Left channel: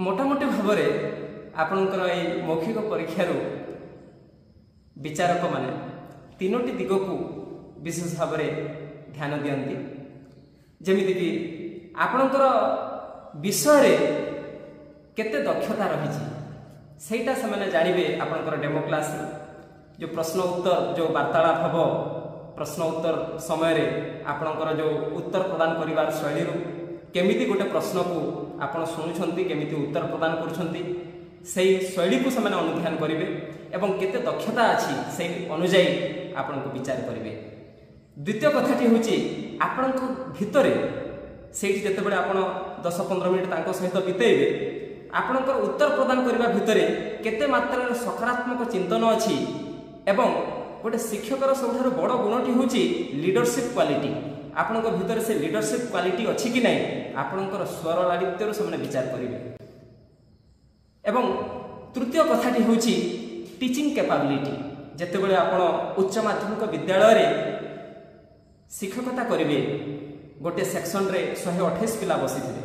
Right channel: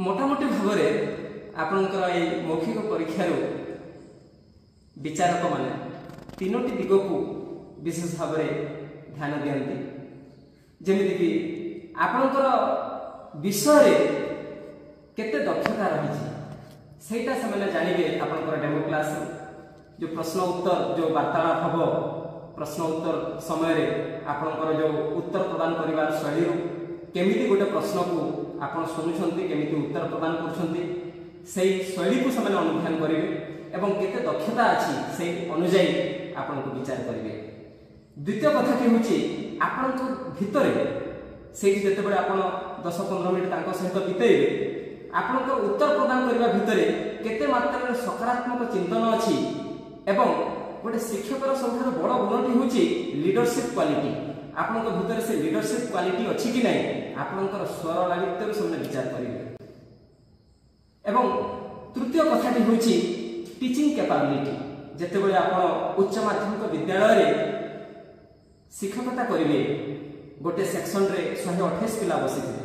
मोटामोटी भाव आपणकर ये मौखिक परीक्षार विचारक माने तीनोटी दिग को विशेष भाव ध्यान दियंती जेमिति कि आपणकर विषय केते दक्षता रही सेटा से माने जानिबे आपणकर डेमो क्लास जो प्रश्न उत्तर जो वार्तालाप हबो प्रश्न उत्तर समय रे आपणकर जो उत्तर प्रदान करिवार शैली केमिति गोटे प्रश्न को आपण शुणुछंती केमिति उत्तर प्रदान करुछंती सेही शैली को से अनुध्यान करिवे एवं केते दक्षता अछि सेही अनुसार आपण को विचार करिवे। द्वितीय कथाटी होची आपण को भितरे सेही जते बेले आपण 10-15 मिनिट तांको सहित बितेइबे आपण उत्तर प्रदान करिवा भितरे केते मात्रा सकारात्मक चिंतन अछि एवं गोटे शिक्षकर सबठारु बड़ गुणटी होची लीडरशिप क्वालिटी आपण भितर से लीडरशिप क्वालिटी अछि कि नहीं आपणकर स्वर लालित्य से विचार करिवे। एवं तृतीय कथाटी होची टीचिंग कैपेबिलिटी जेते बेले आपण उच्च माध्यमिक विद्यालय रे शिक्षकता करिवे गोटे सेक्शन रे 128 पिला बसिथिबे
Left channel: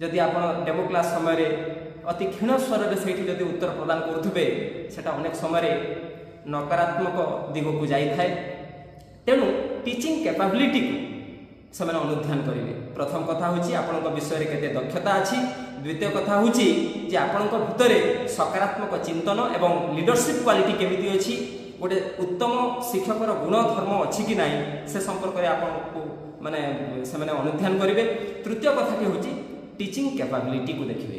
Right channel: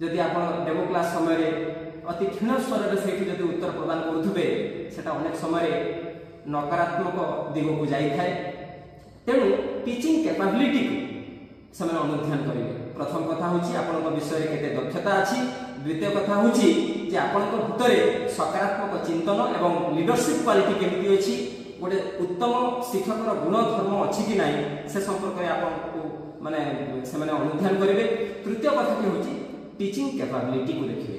जदि आपण डेमो क्लास समय रे अति क्षीण स्वर रे सेठी जदि उत्तर प्रदान करुथबे सेटा अनेक समय रे नकारात्मक दिग को जाई थाए तेणु टीचिंग कैपेबिलिटी से अनुध्यान करेंगे। प्रथम कथा होची आपनक विषय केते दक्षता अछि द्वितीय कथा होची जे आपनक भितरे सकारात्मक चिंतन एवं लीडरशिप क्वालिटी केमिति अछि गोटे उत्तम शिक्षकर गुण धर्म अछि कि नाही से संपर्क रे आपनको माने से अनुध्यान करेंगे। तृतीय कथा होची टीचिंग कैपेबिलिटी को देखिए